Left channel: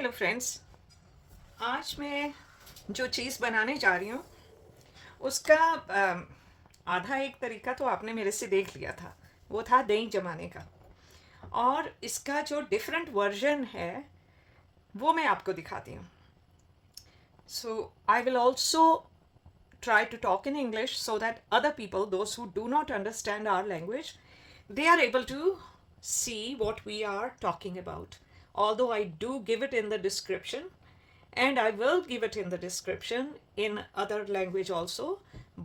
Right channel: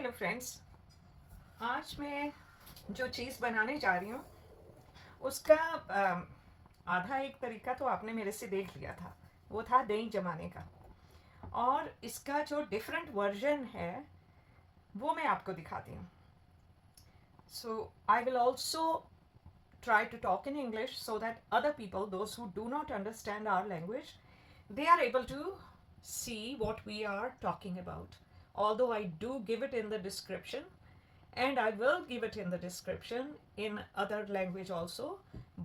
Hello friends. आज मैं जो चीज़ बनाने जा रही हूँ उसका आधा एक तरीका तो आपने मेरे से देख लिया था। वो था दही जमाने का। और इसका जो डिफरेंट वर्जन है वो मैं आपको दिखाती हूँ। So I will also try to talk in English so that other people, those who do not understand our language, they are able to see what we are talking about. Although I do give it in the description, and I will give it in the description in other language also,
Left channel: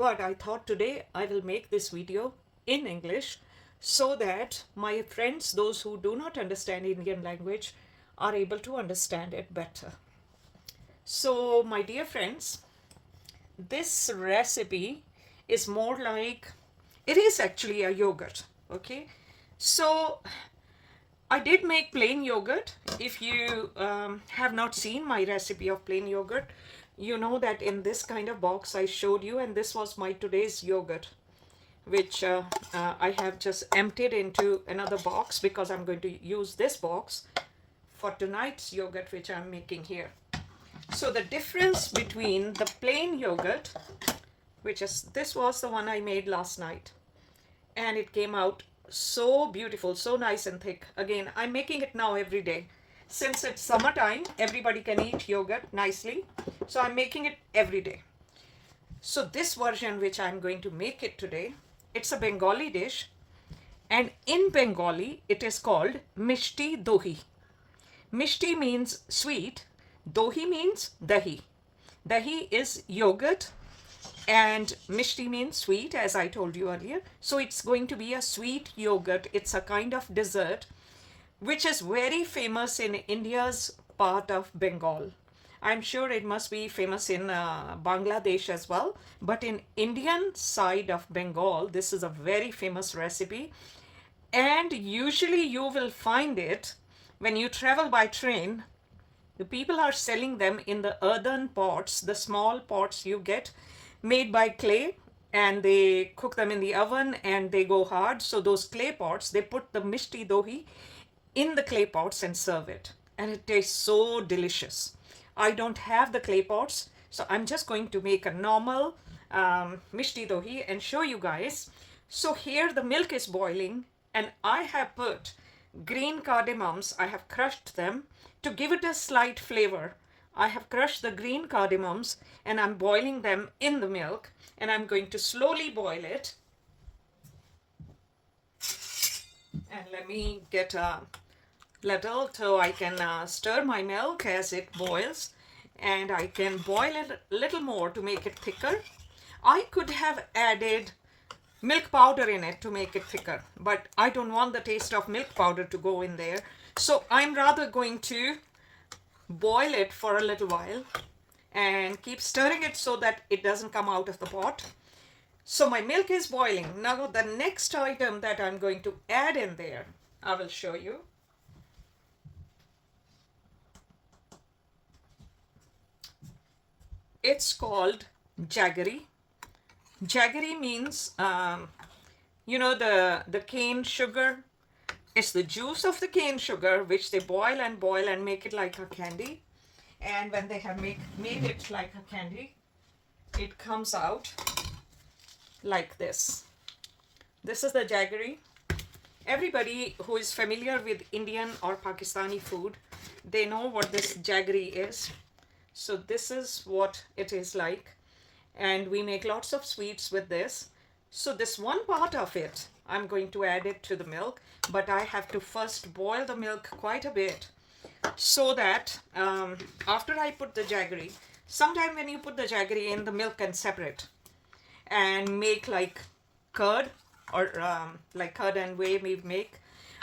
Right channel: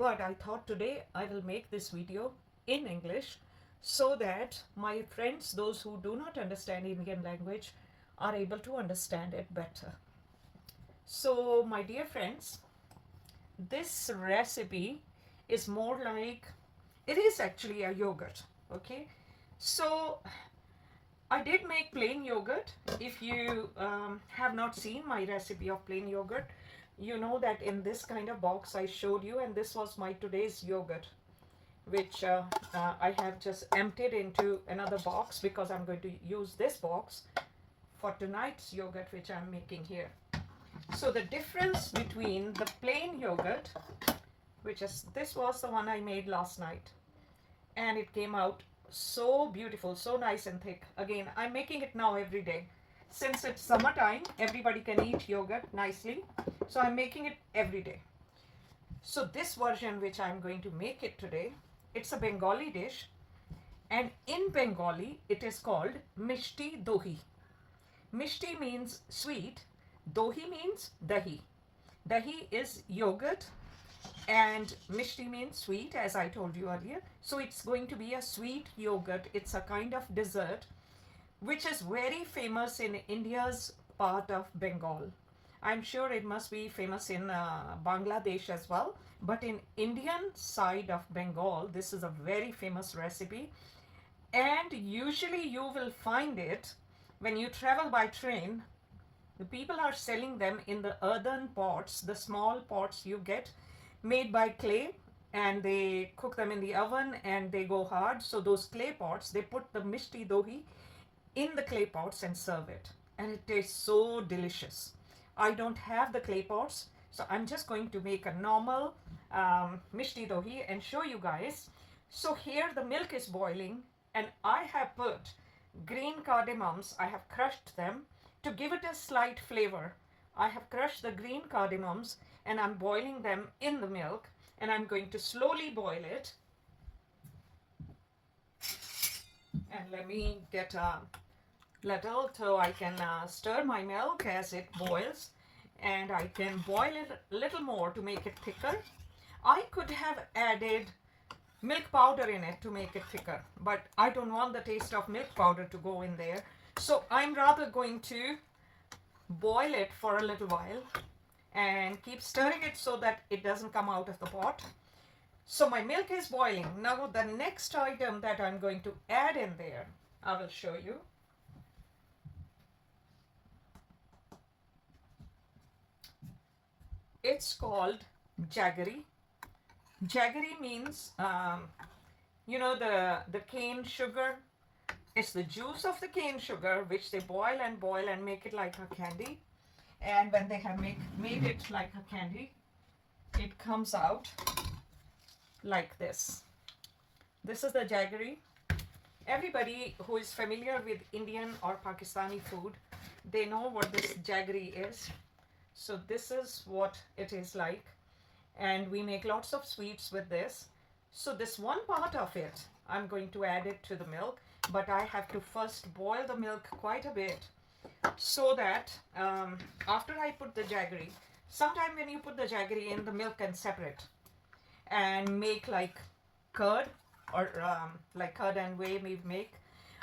but I thought today I will make this video in English so that my friends, those who do not understand Indian language, are able to understand it better. So, my dear friends, this recipe is more like, it is actually a yogurt. Okay, so I did make plain yogurt. If you have not seen my recipe of plain yogurt, you know that in this kind of box I showed you, and this was my today's yogurt, which I have just emptied into another box because I'm going to use this box for tonight's yogurt, which I'm making here. So the difference between the plain yogurt, which is, this was the one I made last night, and it came out so beautiful, so nice and thick. Again, I'm making it now every day. Since it's summertime, everybody can eat yogurt nicely. So I'm making it every day. So this version, which I'm going to make it today, it's a Bengali dish. And in Bengali, it is called Mishti Doi. Mishti means sweet. Dohi means dahi. Dahi is yogurt, and mishti means sweet, as I told you earlier. So it's going to be a sweet yogurt. It's a kind of dessert which is very famous in India's part of Bengal. I'm sure it must be famous in Bangladesh as well, but in Indian side of Bengal, this is a very famous recipe. And usually you will find it when you travel by train. The people are selling them in the earthen pots, the small pots you get made by clay, and they cook them in the oven and they go hard. So those clay pots, they put the mishti dohi in the clay pots and serve it. And it tastes so delicious. I don't have the clay pots, so I'm just going to make a normal mishti dohi and show you guys. So here the milk is boiling, and I have put green cardamoms. I have crushed them to give it a slight flavor. I have crushed the green cardamoms and I'm boiling them in the milk, and I'm going to slowly boil it. And let me get a ladle so I can stir my milk as it boils, and I can boil it a little more to make it thicker. I could have added milk powder in it to make it thicker, but I don't want the taste of milk powder to go in there. So I'm rather going to boil it for a little while and keep stirring it so that it doesn't come out of the pot. So my milk is boiling. Now the next item that I'm going to add in there, I will show you. It's called jaggery. Jaggery means, you know, the cane sugar. It's the juice of the cane sugar which they boil and make it like a candy. And when they have made it like a candy, it comes out like this. This is the jaggery. Everybody who is familiar with Indian or Pakistani food, they know what this jaggery is. So this is what it is like. And we make lots of sweets with this. So this one part of it, I'm going to add it to the milk, but I have to first boil the milk quite a bit so that after I put the jaggery, sometime when you put the jaggery in, the milk can separate and make like curd, or like curd and whey we make.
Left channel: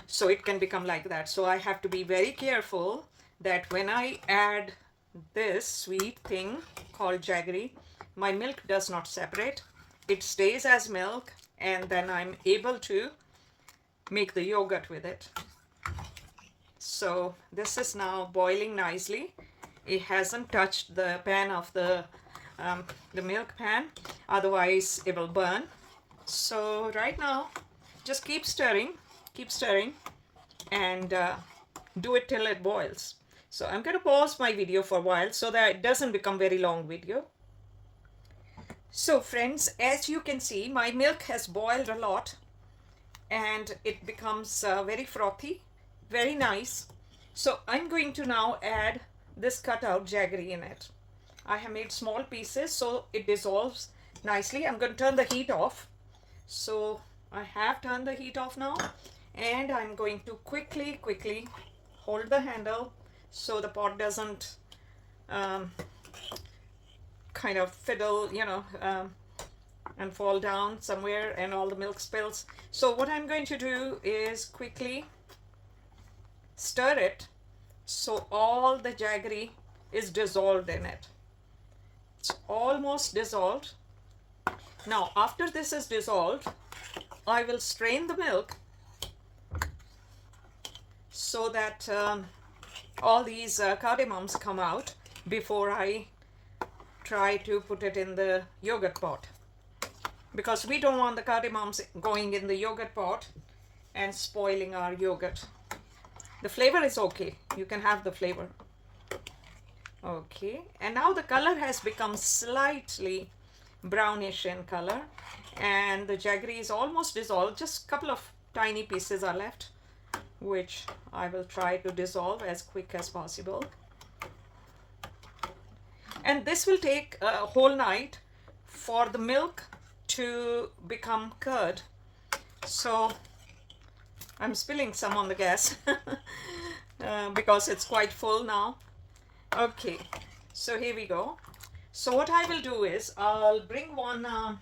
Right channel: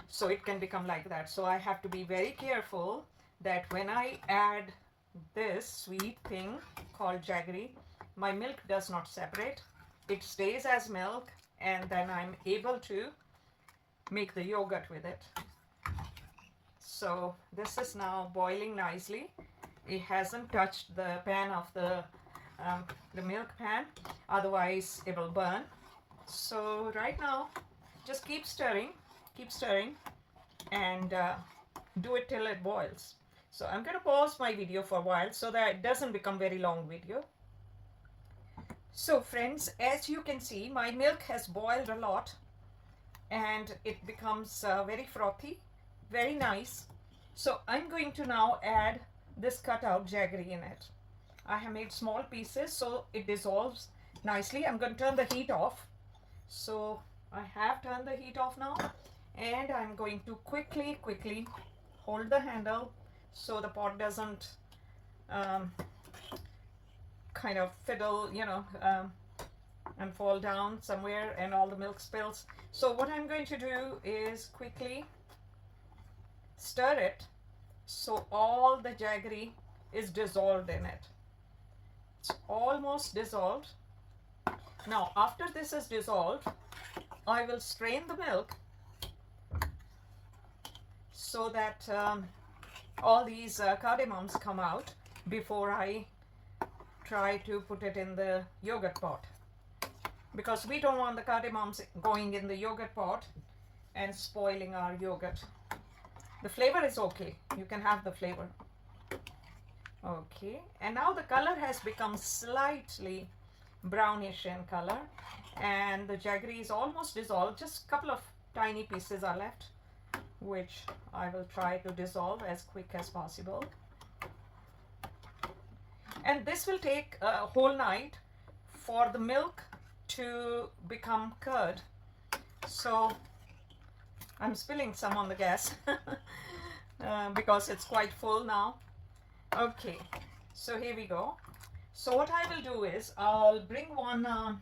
So it can become like that. So I have to be very careful that when I add this sweet thing called jaggery, my milk does not separate. It stays as milk, and then I'm able to make the yogurt with it. So this is now boiling nicely. It hasn't touched the pan of the milk pan, otherwise it will burn. So right now, just keep stirring, and do it till it boils. So I'm going to pause my video for a while so that it doesn't become very long video. So friends, as you can see, my milk has boiled a lot and it becomes very frothy, very nice. So I'm going to now add this cut out jaggery in it. I have made small pieces so it dissolves nicely. I'm going to turn the heat off. So I have turned the heat off now, and I'm going to quickly hold the handle so the pot doesn't kind of fiddle, and fall down somewhere and all the milk spills. So what I'm going to do is quickly stir it so all the jaggery is dissolved in it. It's almost dissolved. Now after this is dissolved, I will strain the milk so that all these cardamoms come out before I try to put it in the yogurt pot, because we don't want the cardamoms going in the yogurt pot and spoiling our yogurt. The flavor is okay, you can have the flavor. Okay, and now the color has become slightly brownish in color and the jaggery is almost dissolved. Just a couple of tiny pieces are left, which I will try to dissolve as quick as possible. And this will take a whole night for the milk to become curd. So I'm spilling some on the gas because it's quite full now. Okay, so here we go. So what I will do is I'll bring one of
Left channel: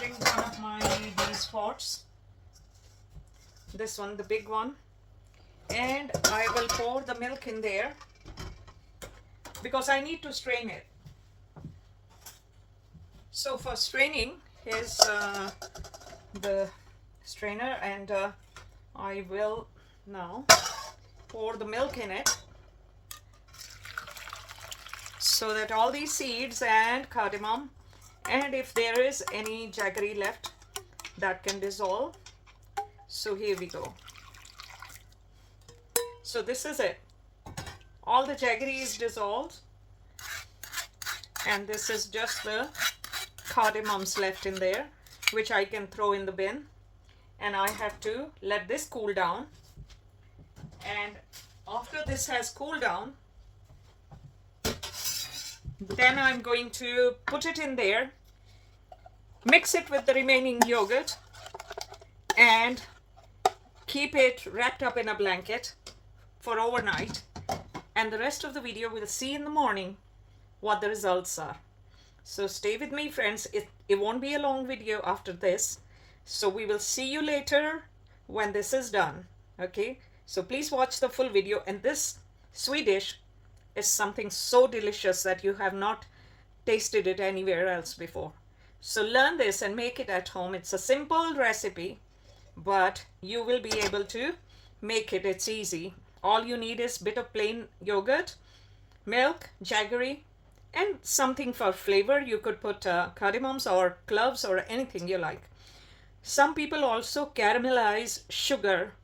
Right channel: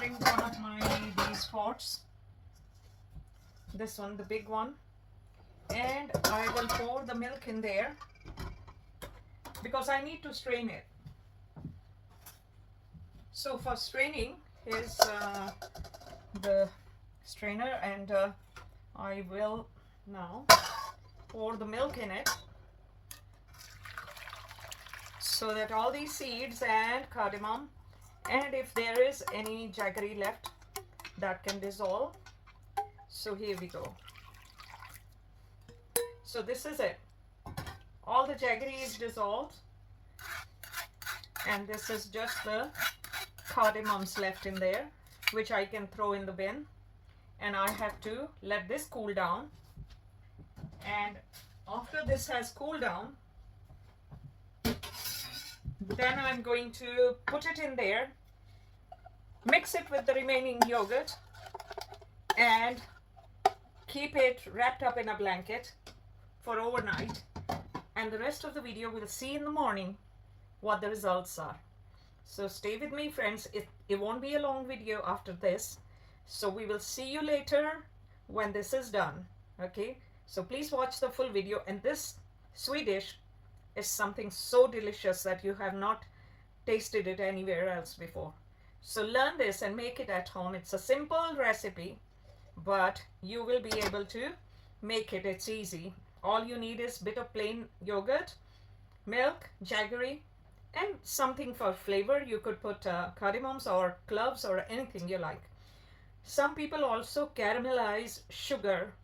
these pots, this one, the big one, and I will pour the milk in there because I need to strain it. So for straining, here's the strainer, and I will now pour the milk in it so that all these seeds and cardamom, and if there is any jaggery left, that can dissolve. So here we go. So this is it. All the jaggery is dissolved and this is just the cardamoms left in there, which I can throw in the bin, and I have to let this cool down. And after this has cooled down, then I'm going to put it in there, mix it with the remaining yogurt, and keep it wrapped up in a blanket for overnight. And the rest of the video we'll see in the morning what the results are. So stay with me, friends. It won't be a long video after this. So we will see you later when this is done. Okay, so please watch the full video. And this sweet dish is something so delicious that you have not tasted it anywhere else before. So learn this and make it at home. It's a simple recipe, but you will be able to make it. It's easy. All you need is a bit of plain yogurt, milk, jaggery, and something for flavor. You could put cardamoms or cloves or anything you like. Some people also caramelize sugar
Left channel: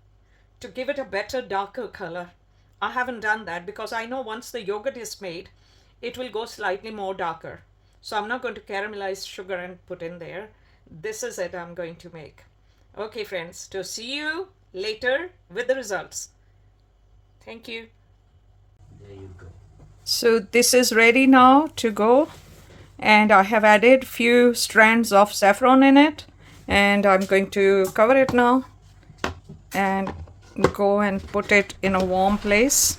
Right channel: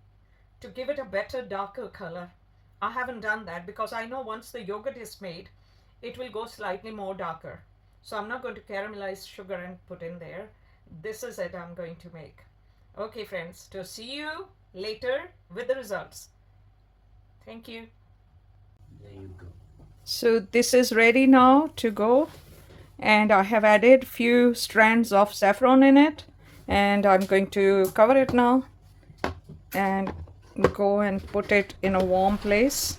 to give it a better, darker color. I haven't done that because I know once the yogurt is made, it will go slightly more darker. So I'm not going to caramelize sugar and put in there. This is it I'm going to make. Okay, friends, to see you later with the results. Thank you. There you go. So this is ready now to go, and I have added few strands of saffron in it, and I'm going to cover it now and go and put it in a warm place,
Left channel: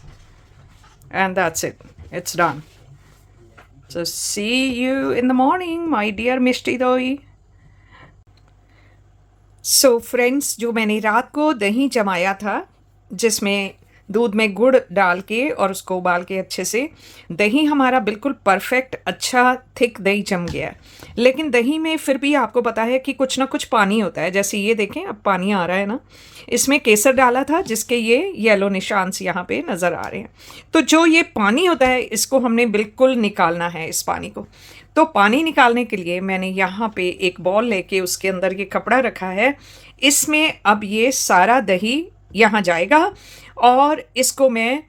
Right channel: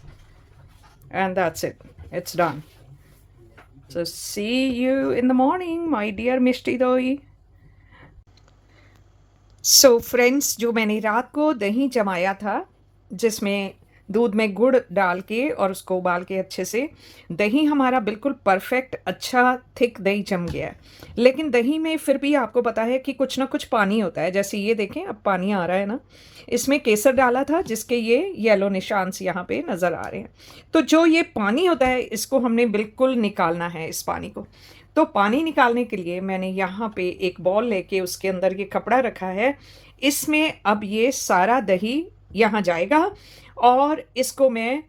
and that's it. It's done. So see you in the morning, my dear Mishti Doi. So friends, जो मैंने रात को दही जमाया था, जिसमें दूध में गुड़ डाल के और उसको उबाल के अच्छे से, दही हमारा बिल्कुल परफेक्ट अच्छा थिक दही जम गया है। लेकिन दही में फिर भी आपको पता है कि कुछ ना कुछ पानी होता है। जैसे ये देखें, अब पानी आ रहा है ना। इसमें केसर डाला था जिसके ये येलो निशान यहाँ पे नज़र आ रहे हैं। तो जो ये पानी होता है, इसको हमने बिल्कुल निकालना है, इस पानी को। तो पानी निकालने के लिए मैंने यहाँ पे एक बॉल लेके उसके अंदर ये कपड़ा रखा है। इसमें अब ये सारा दही यहाँ जाएगा और इसको मैं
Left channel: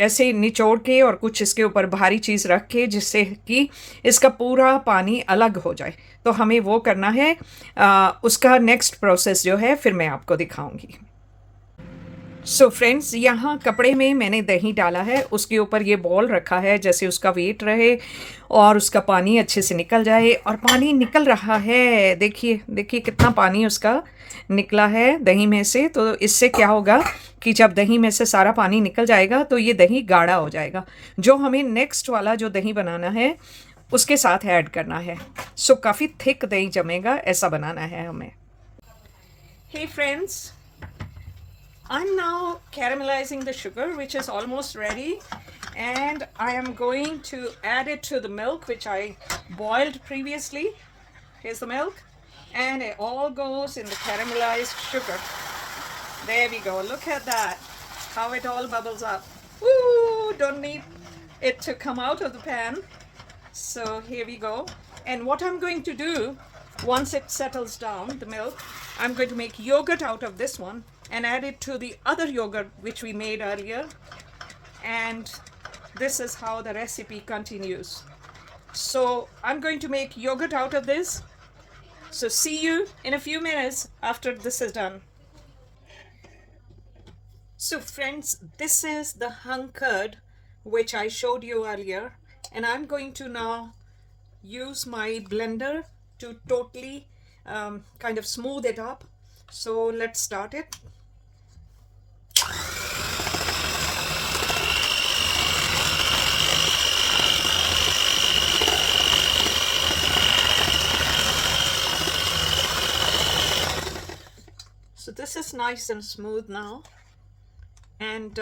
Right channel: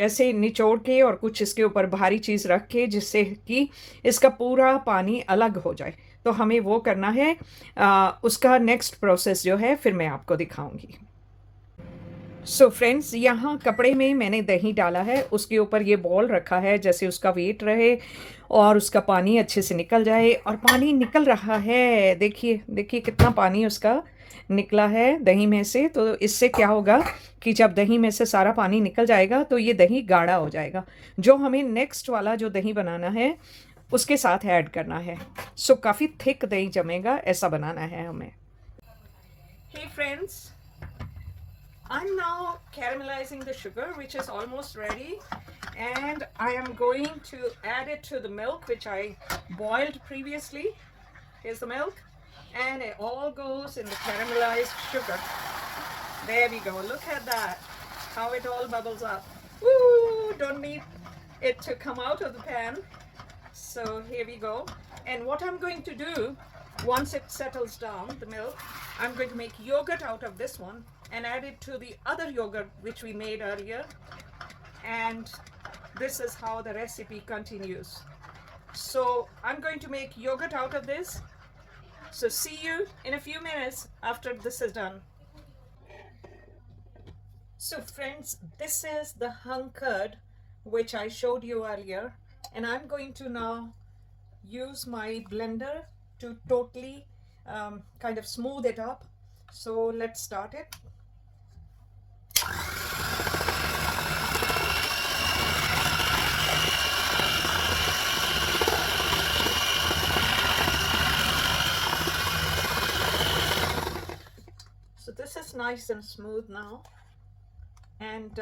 ऐसे निचोड़ के और कुछ इसके ऊपर भारी चीज़ रख के, जिससे कि इसका पूरा पानी अलग हो जाए। तो हमें वो करना है। उसका नेक्स्ट प्रोसेस जो है फिर मैं आपको दिखाऊंगी। सो फ्रेंड्स, यहाँ कपड़े में मैंने दही डाला है, उसके ऊपर ये बॉल रखा है जैसे उसका वेट रहे और उसका पानी अच्छे से निकल जाए। और पानी निकल रहा है, देखिए देखिए कितना पानी उसका निकला है दही में से। तो इससे क्या होगा कि जब दही में से सारा पानी निकल जाएगा तो ये दही गाढ़ा हो जाएगा, जो हमें नेक्स्ट वाला जो दही बनाना है उसके साथ ऐड करना है। सो काफ़ी थिक दही जमेगा, ऐसा बनाना है हमें। Hey friends, I'm now caramelizing the sugar, which is almost ready, and I am going to add it to the milk which I boiled previously. Here's the milk, and it all goes in the caramelized sugar. There we go. Look at that, how it all bubbles up. Ooh, don't need it to come out of the pan. So here we go. And what I'm going to do, once it settles down, the milk, I'm going to make yogurt out of this one and add it to the other yogurt which we made earlier. And this is how the recipe continues. So I'm going to make yogurt out of this. So see you in a few minutes after this is done. So friends, this is the hung curd which I showed you earlier, and I'm going to now use my blender to totally kind of smooth it up. So let's start it. So this is nice and smooth now, and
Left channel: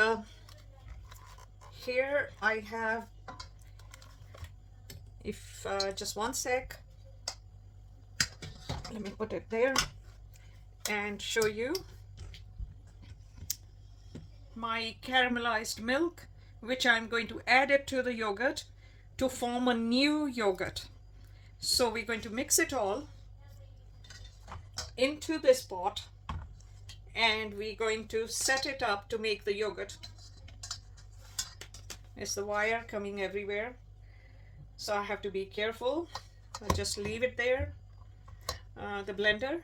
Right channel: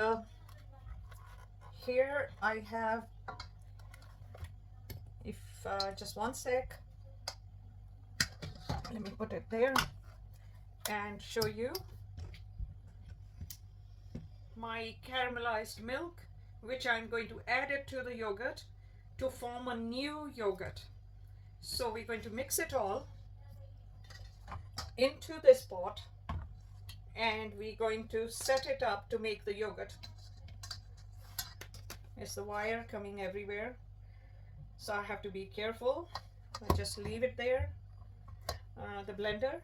here I have, if just one sec, let me put it there and show you my caramelized milk, which I'm going to add it to the yogurt to form a new yogurt. So we're going to mix it all into this pot, and we're going to set it up to make the yogurt. It's the wire coming everywhere, so I have to be careful. I'll just leave it there, the blender.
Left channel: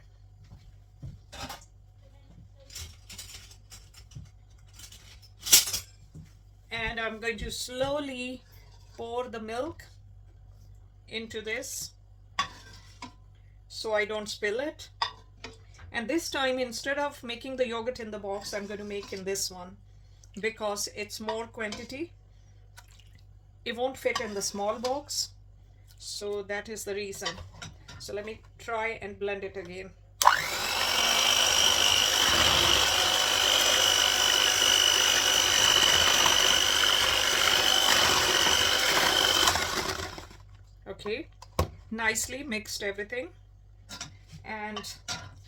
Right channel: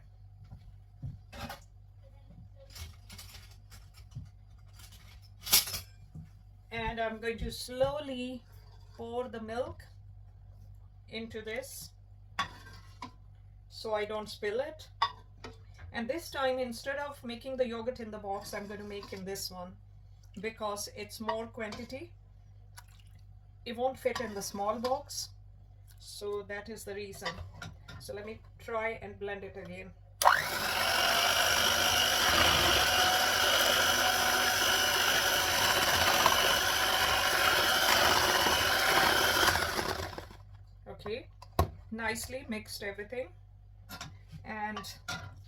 And I'm going to slowly pour the milk into this so I don't spill it. And this time, instead of making the yogurt in the box, I'm going to make in this one because it's more quantity. It won't fit in the small box, so that is the reason. So let me try and blend it again. Okay, nicely mixed everything, and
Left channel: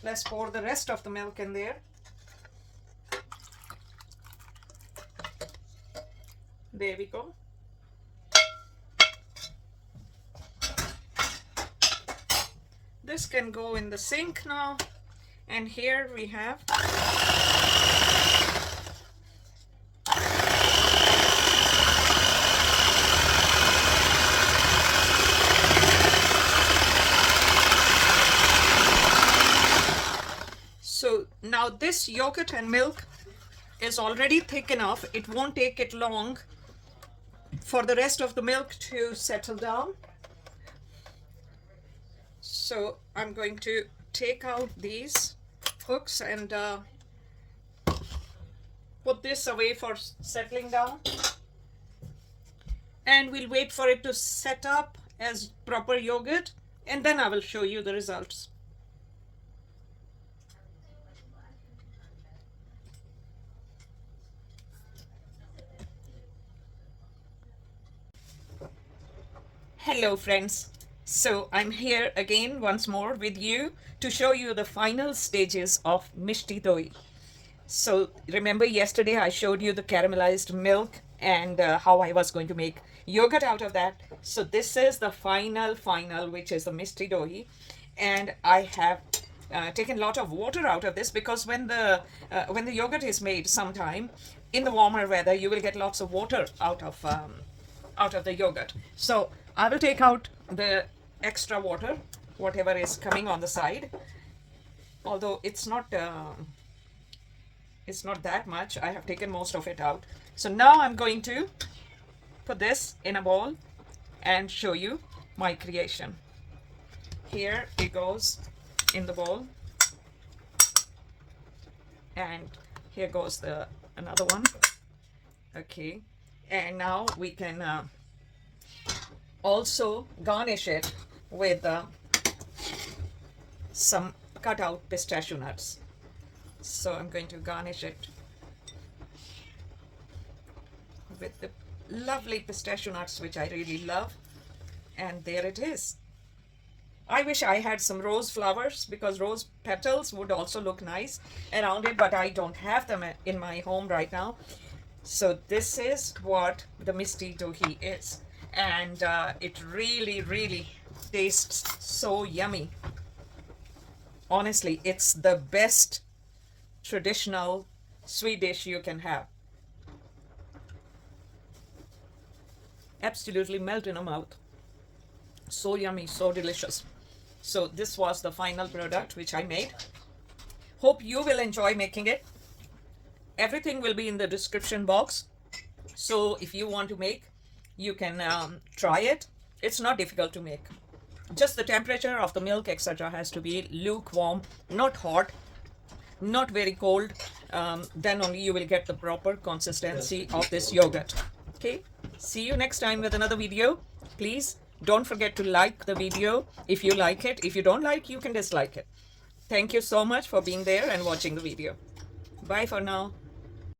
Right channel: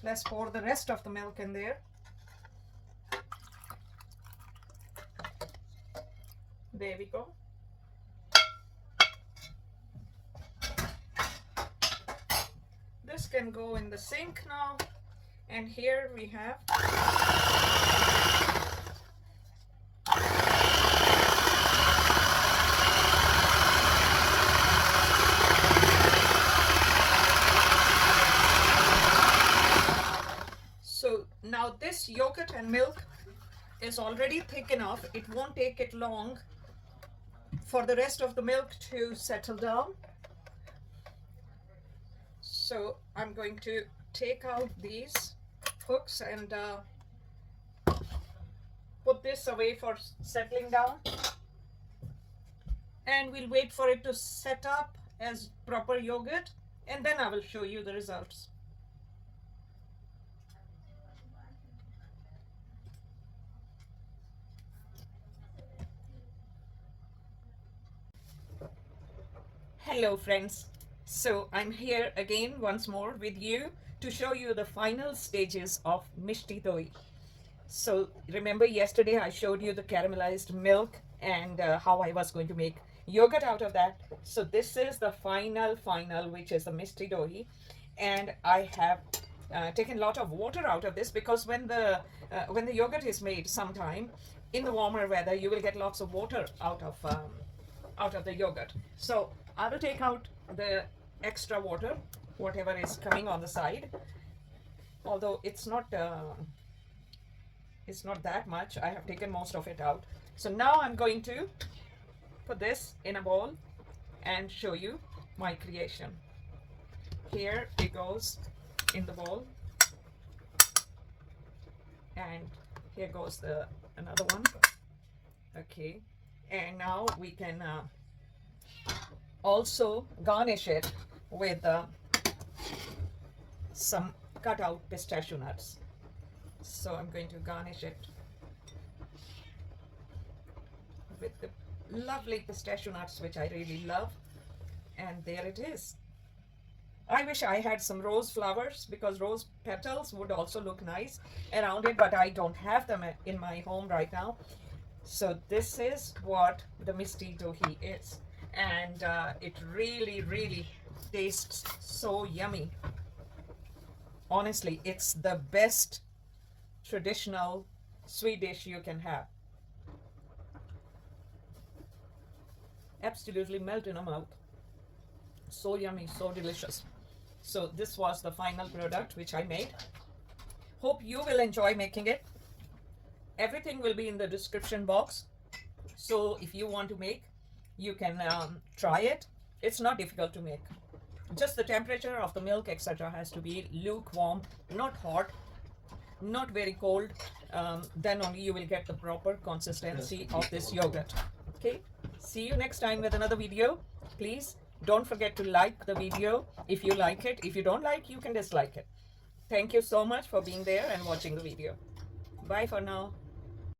let's pour the rest of the milk in there. There we go. This can go in the sink now, and here we have now this yogurt and milk is already thick enough. It won't take it long for the rest of the milk to settle down. So I'm going to take out these hooks and put this away for settling down, and we'll wait for it to set up as proper yogurt, and then I will show you the results. Hello friends, so I'm here again once more with you to show you the final stages of Mishti Doi. So remember yesterday I showed you the caramelized milk and how I was going to make yogurt out of that. So this is the final which is the Mishti Doi, and I have taken a lot of water out of this, because when the yogurt is made sometime in the warmer weather, you will get lots of water out of the yogurt. So I will take out the extra water, whatever is coming on the side. Although it's not that much. I have taken most of it out. So now I'm going to put this in a bowl and show you my creation. Here it goes in the bowl, and here goes the another one. Okay, and now we can also garnish it with some cut out pistachio nuts. So I'm going to garnish it with the lovely pistachio nuts, which I really love. And there it is. I wish I had some rose flowers, because rose petals would also look nice around it, but I don't have them in my home right now. So this is what the Mishti Doi is, and it really, really tastes so yummy. Honestly, it's the best traditional sweet dish you can have. Absolutely melt in a mouth. So yummy, so delicious. So this was the final product which I made. Hope you will enjoy making it. Everything will be in the description box. So if you want to make, you can try it. It's not difficult to make. Just the temperature of the milk, etc., has to be lukewarm, not hot, not very cold. Then only you will get the proper consistency of this yogurt. Okay, see you next time with another video. Please don't forget to like the video if you like it. If you don't like, you can dislike it. Thank you so much for being there and watching the video. Bye for now.